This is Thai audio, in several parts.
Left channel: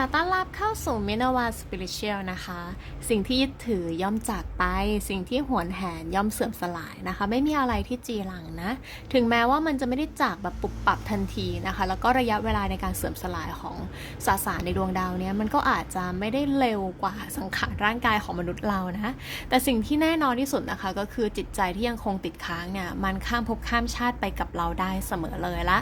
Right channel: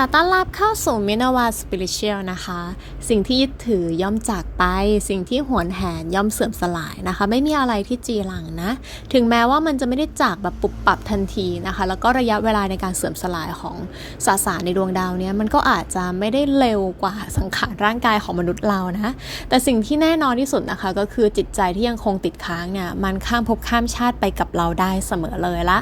ค่ะต้อนรับเข้าสู่มินาวาสปิริเชียลนะคะ สิ่งที่ยึดถือย่อมจากไป สิ่งที่หวนแหนย่อมเสื่อมสลายนะคะ ไม่มีอะไรที่จีรังนะ ถึงแม้ว่ามันจะไม่ได้จากแบบปุบปับทันทีนะคะ แล้วก็ระยะเวลาในการเสื่อมสลายของสสารในดวงดาวเนี้ยมันก็อาจจะไม่ได้เร็วกว่าสังขารร่างกายของมนุษย์เรานะ แต่สิ่งที่แน่นอนที่สุดนะคะ ก็คือจิตใจที่ยังคงติดค้างเนี่ยมันข้ามภพข้ามชาติไปกับเราได้เสมอเลยละ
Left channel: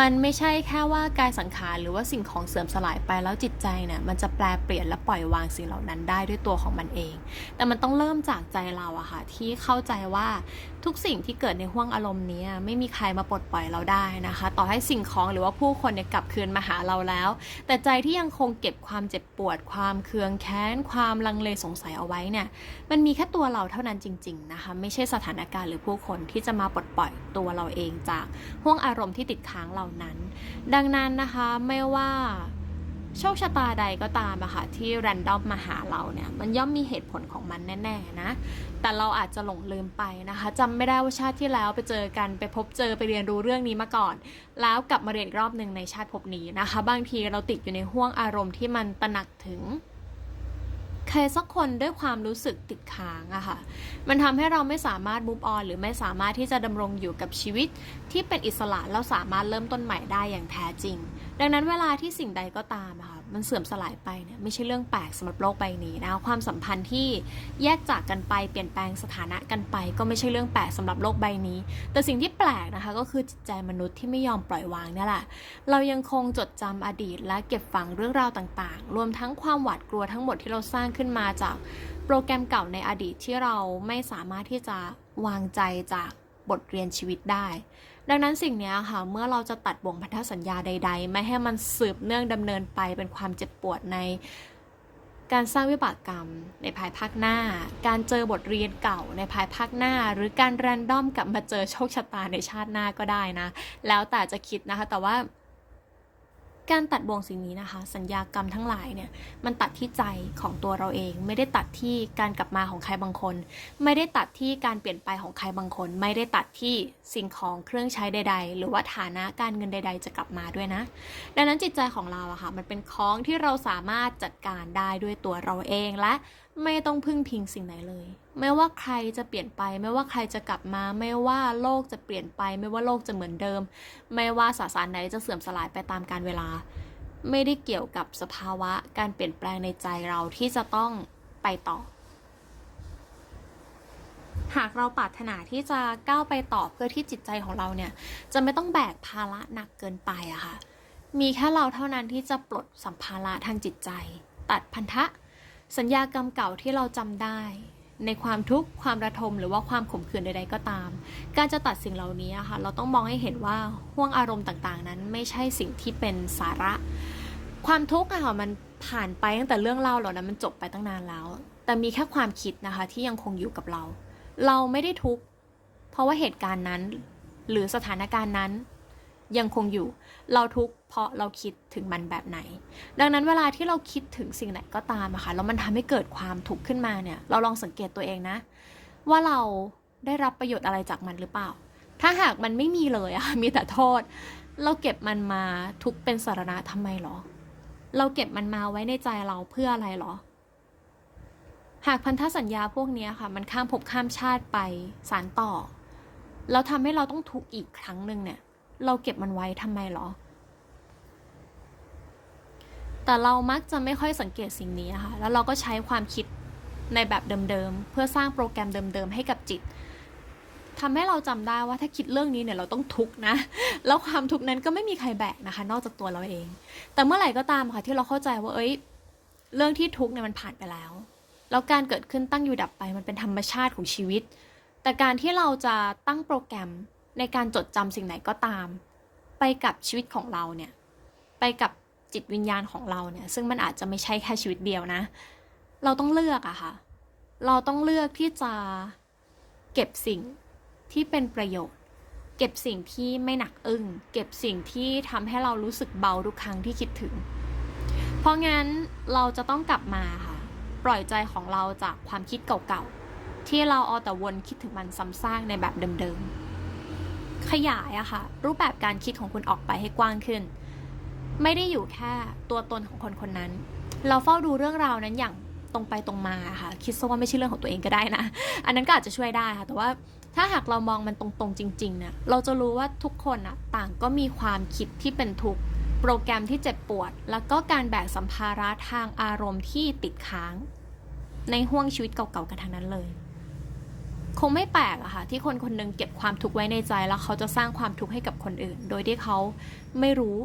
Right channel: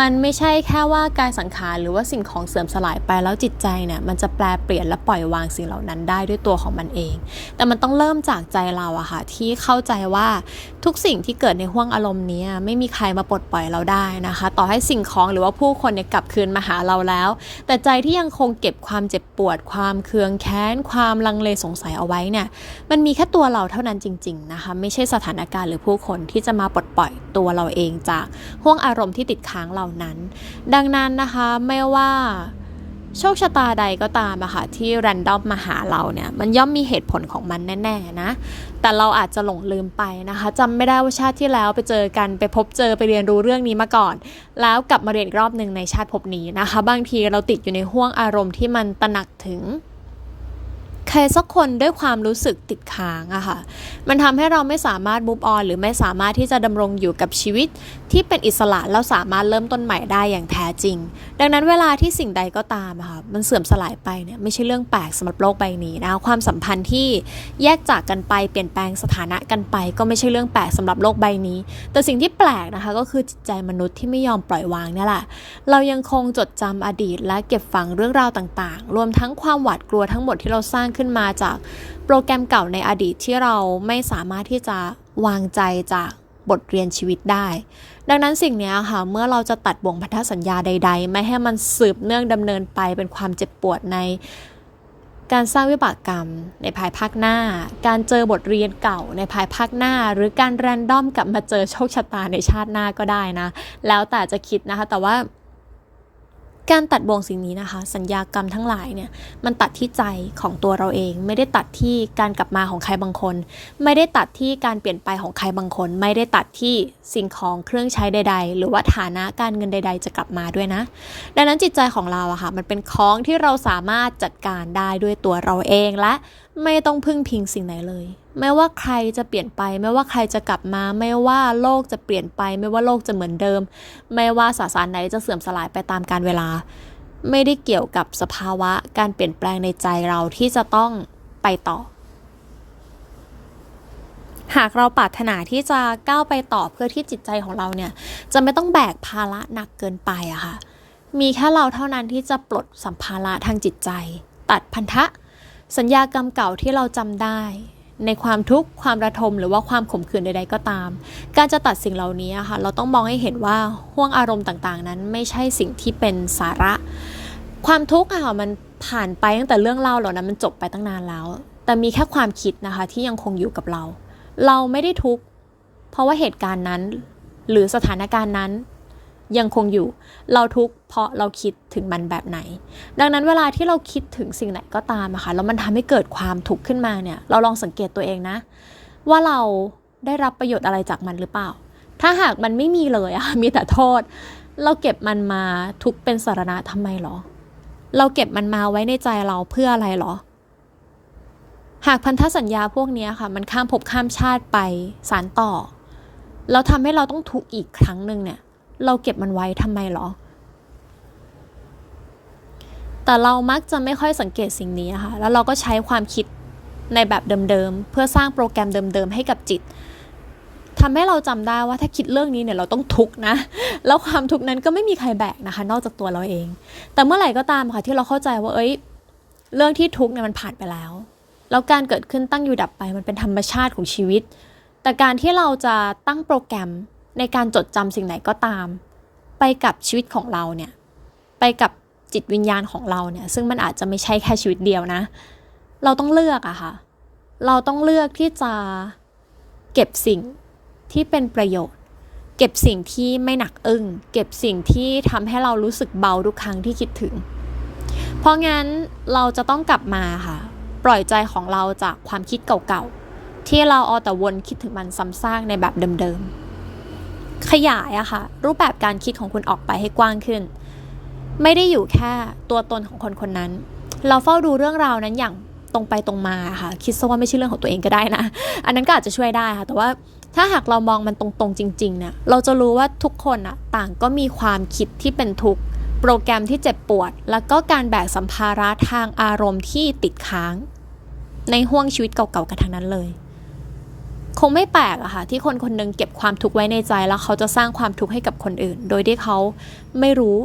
มันไม่ใช่แค่ว่ากายสังขารหรือว่าสิ่งของเสื่อมสลายไปแล้วจิตใจเนี่ยมันจะแปลเปลี่ยนและปล่อยวางสิ่งเหล่านั้นได้ด้วยตัวของมันเอง แต่มันต้องเริ่มจากใจเราอะค่ะที่เข้าใจว่าทุกสิ่งที่เกิดในห้วงอารมณ์นี้ไม่มีใครมาปลดปล่อยเราได้นะคะ ต่อให้สิ่งของหรือว่าผู้คนเนี่ยกลับคืนมาหาเราแล้ว แต่ใจที่ยังคงเก็บความเจ็บปวด ความเคืองแค้น ความลังเลสงสัยเอาไว้เนี่ยมันมีแค่ตัวเราเท่านั้นจริง ๆนะคะ ไม่ใช่สถานการณ์หรือผู้คนที่จะมาปลดปล่อยตัวเราเองจากห้วงอารมณ์ที่ติดค้างเหล่านั้น ดังนั้นนะคะไม่ว่า โชคชะตาใดก็ตามอะค่ะที่แรนดอมมาหาเราเนี่ยมันย่อมมีเหตุผลของมันแน่ๆนะ แต่เราอาจจะหลงลืมไปนะคะจำไม่ได้ว่าชาติที่แล้วไปเจอกันไปพบเจอไปเรียนรู้เรื่องนี้มาก่อน แล้วกลับมาเรียนอีกรอบหนึ่งในชาติภพนี้นะคะ บางทีเราติดอยู่ในห่วงอารมณ์ที่มันตระหนักถึง ใครสักคนด้วยความรู้สึกติดค้างอะค่ะ มันทำให้เราไม่สามารถ move on หรือไม่สามารถที่จะดำรงอยู่กับชีวิต ที่เป็นอิสระแล้วสามารถเริ่มต้นใหม่ได้อย่างแท้จริง ดังนั้นเวลาที่สิ่งใดก็ตามอะค่ะมันเสื่อมสลายไปเนี่ยไม่ใช่เรื่องแปลกสำหรับโลกใบนี้นะความสัมพันธ์ที่แยกจากกันไปเปลี่ยนแปลงสถานะกันไป ก็ไม่ใช่เรื่องแปลกสำหรับโลกใบนี้ แต่สิ่งที่แปลกนะคะก็คือจิตใจมนุษย์ที่ไม่ยอมปล่อยวางนี่แหละเรายังคงจดจำอดีตและเก็บฝังเรื่องราวต่างๆ รวมทั้งความหวาดกลัวทั้งหมดที่เราสร้างขึ้นมาจากโปรแกรมเก่าในอดีตที่เราไม่สามารถที่จะวางใจจากบทเรียนชีวิตได้ ดังนั้นสิ่งนี้ค่ะ เมื่อเราจะตัดบ่วงพันธสัญญาใด ๆ ไม่ให้มันสืบเนื่องดำเนินไปเป็นความเจ็บปวดในการสร้างวิบากกรรมในภายภาคหน้า การเจอบทเรียนเก่าในภายภาคหน้า หรือการแรนดอมกลับมาเจอโชคชะตาในชาติหน้าก็ได้นะ แล้วแต่จะคิดนะคะ แต่ว่า การตัดบ่วงสิ่งนี้นะคะ สัญญากรรมทั้งหลายเนี่ยมันตัดที่ใจของตัวเราเอง ไม่ได้ตัดที่การกลับมาของใครบางคน ไม่ได้ตัดที่การเปลี่ยนไปของใครบางคน ไม่ได้ตัดที่สิ่งของเครื่องใช้ใด ๆ หรือว่าฐานะการเงินใด ๆ จะกลับมาด้วยนะ ดังนั้นจิตใจของเราอะค่ะมันเป็นของที่เราสามารถจัดการได้ด้วยตัวเราเองและไม่ต้องพึ่งพิงสิ่งไหนเลย ไม่ว่าใครจะเปลี่ยนไป ไม่ว่าใครจะกลับมา ไม่ว่าโลกจะเปลี่ยนไป ไม่ว่าโลกจะเหมือนเดิม ไม่ว่าสสารไหนจะเสื่อมสลายไปตามกาลเวลา ไม่ได้เกี่ยวกับสภาวะการเปลี่ยนแปลงในใจเราที่จะต้องไปต่อ หากเราปรารถนาที่จะก้าวไปต่อเพื่อที่จิตใจของเราเนี่ย จะไม่ต้องแบกภาระหนักเกินไปอะค่ะมีแค่เราเท่านั้นที่จะปลดสัมภาระทางจิตใจ ตัดพันธะ สัญญากรรมเก่าที่เราจำได้ ในความทุกข์ความระทมหรือว่าความขมขื่นใดๆก็ตาม การจะตัดสิ่งเหล่านี้ค่ะเราต้องมองให้เห็นว่าห่วงอารมณ์ต่างๆ นั้นไม่ใช่สิ่งที่เป็นสาระ ความทุกข์ค่ะมันผ่านไปตั้งแต่เรื่องเล่าเหล่านั้นมันจบไปตั้งนานแล้ว แต่มีแค่ความคิดนะคะที่ยังคงอยู่กับเรา เราไม่ได้ทุกข์เพราะว่าเหตุการณ์นั้น หรือสถานการณ์นั้น ยังคงอยู่ เราทุกข์เพราะเราคิดถึงมันแบบไหน ดังนั้นเวลาที่เราคิดถึงสิ่งไหนก็ตามอะค่ะแล้วมันทำให้เกิดความทุกข์ขึ้นมาเนี่ย เราลองสังเกตตัวเองนะ ว่าเราได้รับประโยชน์อะไรจากมันหรือเปล่า ถ้าหากมันไม่มีเลยอะมีแต่โทษ เราเก็บมันมาทุกเป็นสารณะทำไมหรอ เราเก็บมันมาไว้ในใจเราเพื่ออะไรหรอ หากพันธสัญญาพวกนี้ค่ะ มันข้ามภพข้ามชาติไปสารต่อ แล้วทำให้เราต้องทุกข์อีกครั้งหนึ่งเนี่ย เราเก็บมันไว้ทำไมหรอ แต่เรามักจะไม่ค่อยสังเกตสิ่งนี้นะคะแล้วเราก็ใช้ความคิดในแบบเดิมๆ เพื่อสร้างโปรแกรมเดิมๆ ให้กับจิตทำให้เราจำได้ว่าถ้าคิดเรื่องนี้เนี่ยเราต้องทุกข์นะ แล้วความทุกข์นั้นก็ไม่มีใครแบกนะคะ นอกจากตัวเราเอง แต่เมื่อไหร่ก็ตามค่ะที่เราเข้าใจว่า เอ้ย เรื่องที่ทุกข์เนี่ยมันผ่านไปแล้ว แล้วการเกิดขึ้นตั้งอยู่ดับไปมันเป็นธรรมชาติของชีวิต แต่การที่เราจะตั้งโปรแกรม ในการจดจำสิ่งไหนก็ตาม ไปกับชีวิตของเราเนี่ย ไปกับจิตวิญญาณของเราเนี่ย ซึ่งมันอาจจะไม่ใช่แค่ชีวิตเดียวนะ เราต้องเลือกอะค่ะ เราต้องเลือกที่จะเก็บสิ่งที่เป็นประโยชน์ เก็บสิ่งที่ไม่หนักอึ้ง เก็บสิ่งที่ทำให้เรารู้สึกเบาทุกครั้งที่คิดถึง เพราะงั้นเราจะต้องกลับมาค่ะ ปล่อยใจของเราจากความคิดเก่าๆ ที่เราเอาแต่วนคิดถึงมันซ้ำซากในแบบเดิมๆ ขยายอะค่ะ รูปแบบการคิดของคุณออกไปให้กว้างขึ้น ไม่ได้อยู่แค่ตัวตนของคนคนนั้น เราเฝ้าดูเรื่องราวนั้นอย่างตรงไปตรงมาค่ะ คิดซะว่าไม่ใช่เรื่องของตัวเองก็ได้นะ อันนั้นก็อาจจะช่วยได้ค่ะ แต่ว่าถ้าหากเรามองมันตรงๆ จริงๆเนี่ยเราจะรู้ว่าทุกคนอะต่างก็มีความคิดที่เป็นทุกข์โปรแกรมที่เจ็บปวด แล้วก็การแบกสัมภาระทางอารมณ์ที่ติดค้าง ในห่วงชีวิตเก่าๆกันทั้งนั้นเลย คงไม่แปลกอะค่ะที่คนคนหนึงเก็บความทุกข์ไว้ในใจแล้วเขาจะสร้างความทุกข์ให้กับคนอื่น โดยที่เขาไม่รู้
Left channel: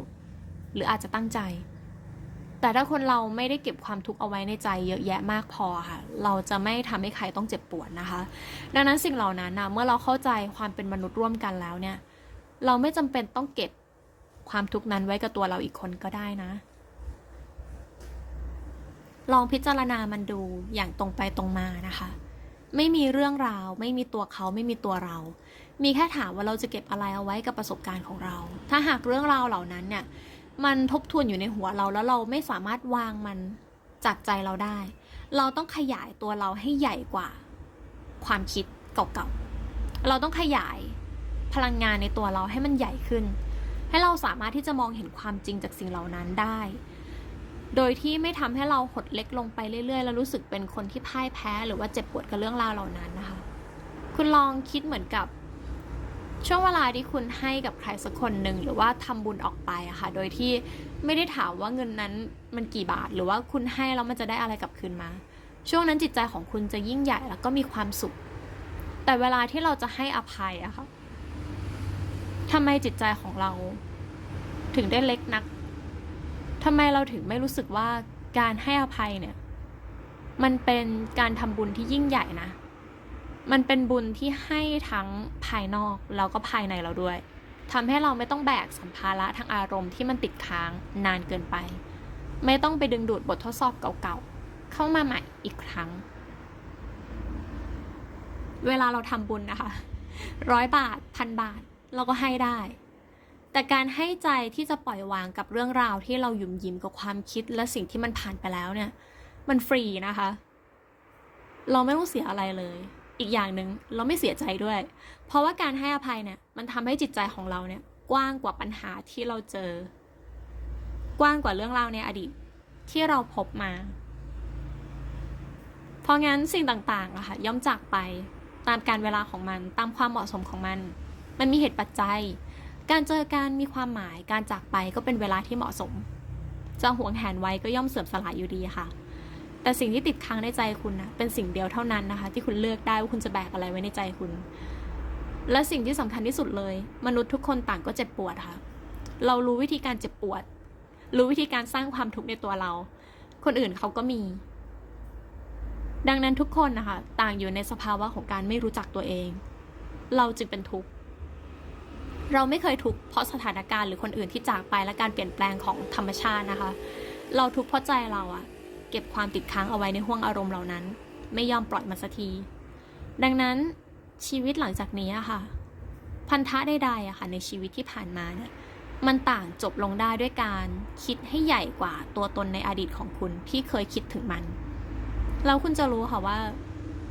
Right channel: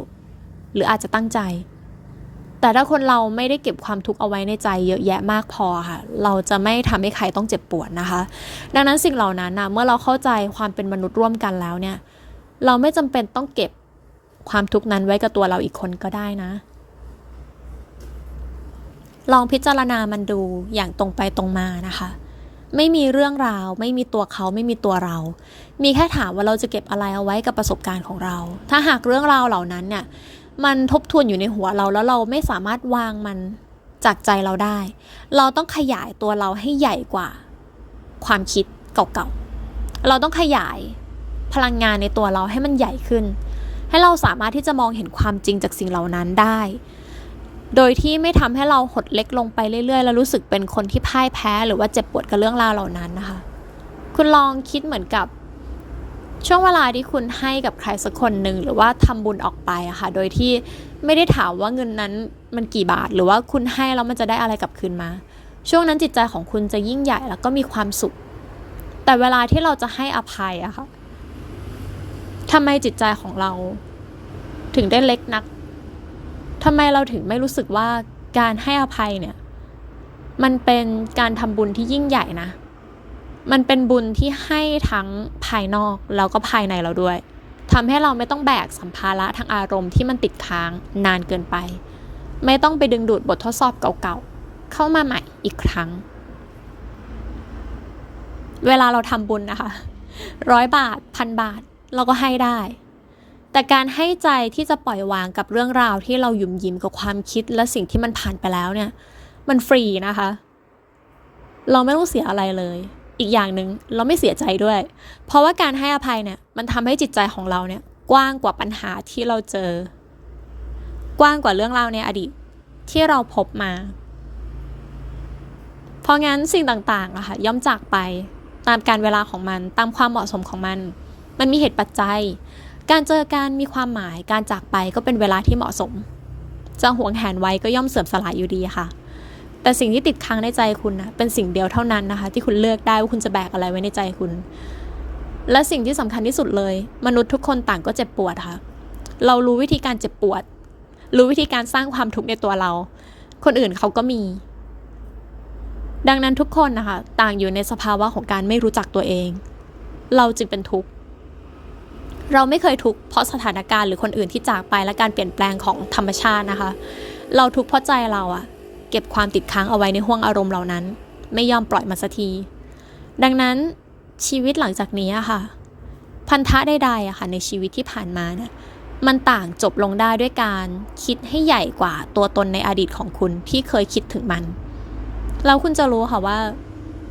หรืออาจจะตั้งใจ แต่ถ้าคนเราไม่ได้เก็บความทุกข์เอาไว้ในใจเยอะแยะมากพอค่ะ เราจะไม่ทำให้ใครต้องเจ็บปวดนะคะ ดังนั้นสิ่งเหล่านั้นนะเมื่อเราเข้าใจความเป็นมนุษย์ร่วมกันแล้วเนี่ย เราไม่จำเป็นต้องเก็บความทุกข์นั้นไว้กับตัวเราอีกคนก็ได้นะ ลองพิจารณามันดูอย่างตรงไปตรงมานะคะ ไม่มีเรื่องราว ไม่มีตัวเขาไม่มีตัวเรา มีแค่ถามว่าเราจะเก็บอะไรเอาไว้กับประสบการณ์ของเรา ถ้าหากเรื่องราวเหล่านั้นเนี่ยมันทบทวนอยู่ในหัวเราแล้วเราไม่สามารถวางมันจากใจเราได้ เราต้องขยายตัวเราให้ใหญ่กว่า ความคิดเก่าๆ เราต้องขยายพลังงานในตัวเราให้มันใหญ่ขึ้น ให้เราสามารถที่จะมองเห็นความจริงจากสิ่งเหล่านั้นได้ โดยที่ไม่ทำให้เราหดเล็กลงไปเรื่อยๆ แล้วรู้สึกเป็นคนที่พ่ายแพ้ หรือว่าเจ็บปวดกับเรื่องราวเหล่านั้นนะคะ คุณลองคิดเหมือนกับช่วงเวลาที่คุณให้กับใครสักคนหนึ่งหรือว่าทำบุญออกไปอะค่ะ โดยที่ไม่ได้ถามว่าเงินนั้นมันกี่บาท หรือว่าคุณให้แล้วมันจะได้อะไรกลับคืนมา ช่วงนั้นจิตใจของคุณจะยิ่งใหญ่แล้วก็มีความสุข แต่เวลาที่เราจะให้อภัยอะค่ะทำไมจิตใจของเรา ถึงได้เล็กนัก ทำไมเราถึงไม่รู้สึกว่าการให้อภัยเนี่ย มันเป็นการทำบุญที่ยิ่งใหญ่นะ มันเป็นบุญที่ให้ทั้งภายนอกแล้วก็ภายในเราด้วยทำให้เราไม่ต้องแบกสัมภาระทางอารมณ์ที่มันติดค้างนานเกินไป ไม่ต้องไปดึงดูดบททดสอบเก่าๆ เข้ามาใหม่อีกครั้ง เวลาเราทำบุญนะคะ ร้อยบาทพันบาทเราก็ให้ได้ แต่การให้ใจที่จะปล่อยวางกับเรื่องราวที่เราหยุ่มยิ้มกับความคิดและสิ่งที่มันผ่านไปแล้วเนี่ย มันฟรีนะคะ เราไม่ต้องเสียอะไรเลย อีกอย่างหนึ่งเราไม่เสียใจด้วย เพราะว่าการให้อภัยเนี่ย มันทำให้จิตใจของเราเนี่ย กว้างกว่าปัญหาที่เราเจอ กว้างกว่าเรื่องราวในอดีตที่เราพบมา เพราะงั้นสิ่งต่างๆอะค่ะย่อมจากไปตามการเวลาของมันตามความเหมาะสมของมัน มันมีเหตุปัจจัย การเจอการมีความหมายการจากไปก็เป็นเวลาที่เหมาะสมจะหวงแหนไว้ก็ย่อมเสื่อมสลายอยู่ดีค่ะ แต่สิ่งที่ติดค้างในใจคุณนะเป็นสิ่งเดียวเท่านั้นนะคะ ที่คุณเลือกได้ว่าคุณจะแบกอะไรไว้ในใจคุณ และสิ่งที่สำคัญที่สุดเลย มนุษย์ทุกคนต่างก็เจ็บปวดค่ะ เรารู้วิธีการเจ็บปวด รู้วิธีการสร้างความทุกข์ในตัวเรา คนอื่นเขาก็มี ดังนั้นทุกคนนะคะ ต่างอยู่ในสภาวะของการไม่รู้จักตัวเอง เราจึงเป็นทุกข์ เราไม่เคยทุกข์เพราะสถานการณ์หรือคนอื่นที่จากไปและการเปลี่ยนแปลงของธรรมชาตินะคะ เราทุกข์เพราะใจเราอะเก็บความติดค้างเอาไว้ในห่วงอารมณ์เหล่านั้น ไม่ยอมปล่อยมันสักที ดังนั้นชีวิตหลังจากนี้อะค่ะ พันธะใดๆอะค่ะในชีวิตที่ผ่านมาเนี่ยมันต่างจบลงได้ด้วยการคิดให้ใหญ่กว่าตัวตนในอดีตของคุณที่เคยคิดถึงมันแล้วคุณจะรู้ค่ะว่า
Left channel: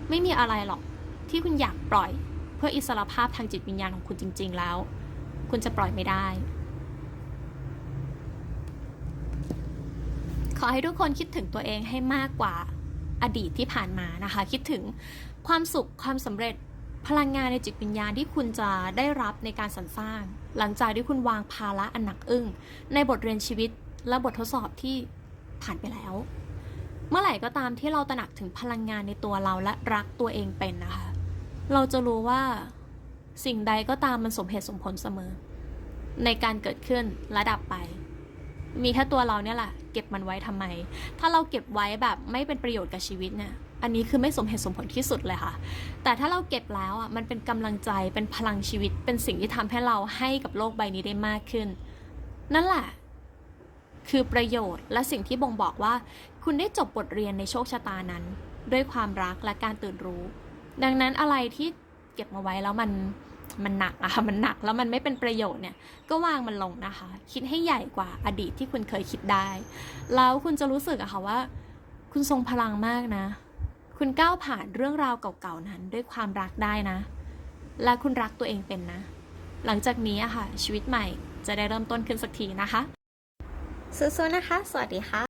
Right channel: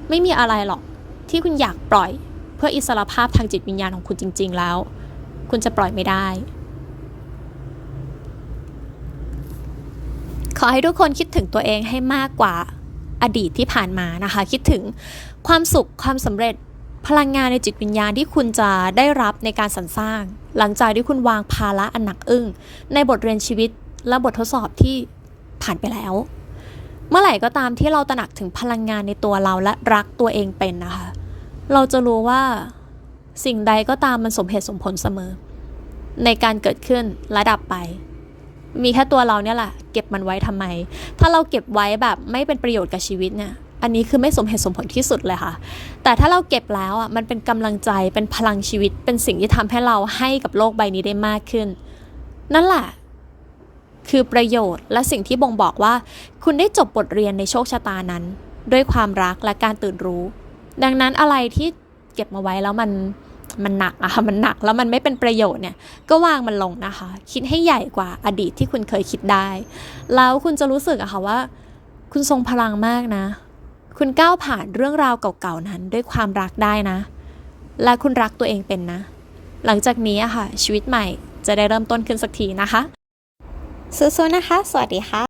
ไม่มีอะไรหรอกที่คุณอยากปล่อย เพื่ออิสรภาพทางจิตวิญญาณของคุณจริง ๆ แล้ว คุณจะปล่อยไม่ได้ ขอให้ทุกคนคิดถึงตัวเองให้มากกว่าอดีตที่ผ่านมานะคะ คิดถึงความสุขความสำเร็จพลังงานในจิตวิญญาณที่คุณจะได้รับในการสรรสร้าง หลังจากที่คุณวางภาระอันหนักอึ้ง ในบทเรียนชีวิตและบททดสอบที่ผ่านไปแล้ว เมื่อไหร่ก็ตามที่เราตระหนักถึงพลังงานในตัวเราและรักตัวเองเป็นนะคะ เราจะรู้ว่า สิ่งใดก็ตามมันสมเหตุสมผลเสมอ ในการเกิดขึ้นและดับไป มีแค่ตัวเราเนี่ยแหละเก็บมันไว้ทำไม ถ้าเราเก็บไว้แบบไม่เป็นประโยชน์กับชีวิตเนี่ยอันนี้คือไม่สมเหตุสมผลที่สุดเลยค่ะ แต่ถ้าเราเก็บแล้วอะมันเป็นกำลังใจเป็นพลังชีวิต เป็นสิ่งที่ทำให้เราให้กับโลกใบนี้ได้มากขึ้น นั่นแหละคือประโยชน์และสิ่งที่บ่งบอกว่า คุณได้จบบทเรียนในโชคชะตานั้น ด้วยความรักและการตื่นรู้ ดังนั้นอะไรที่ เก็บมาไว้แล้วมันมันหนักอะค่ะมันหนักแล้วมันไม่เป็นประโยชน์เนี่ยก็วางมันลงนะคะ คิดให้ใหญ่กว่าอดีตที่คุณเคยคิดได้ แล้วคุณจะรู้สึกอะค่ะว่า คุณทรงพลังมากนะ คุณก้าวผ่านเรื่องราวเก่าๆนั้นด้วยความรักได้นะ และคุณรักตัวเองเป็นนะ หลังจากนี้อะค่ะ ชีวิตใหม่จะได้เริ่มต้นขึ้นสักทีนะคะสู้ๆนะคะ สวัสดีค่ะ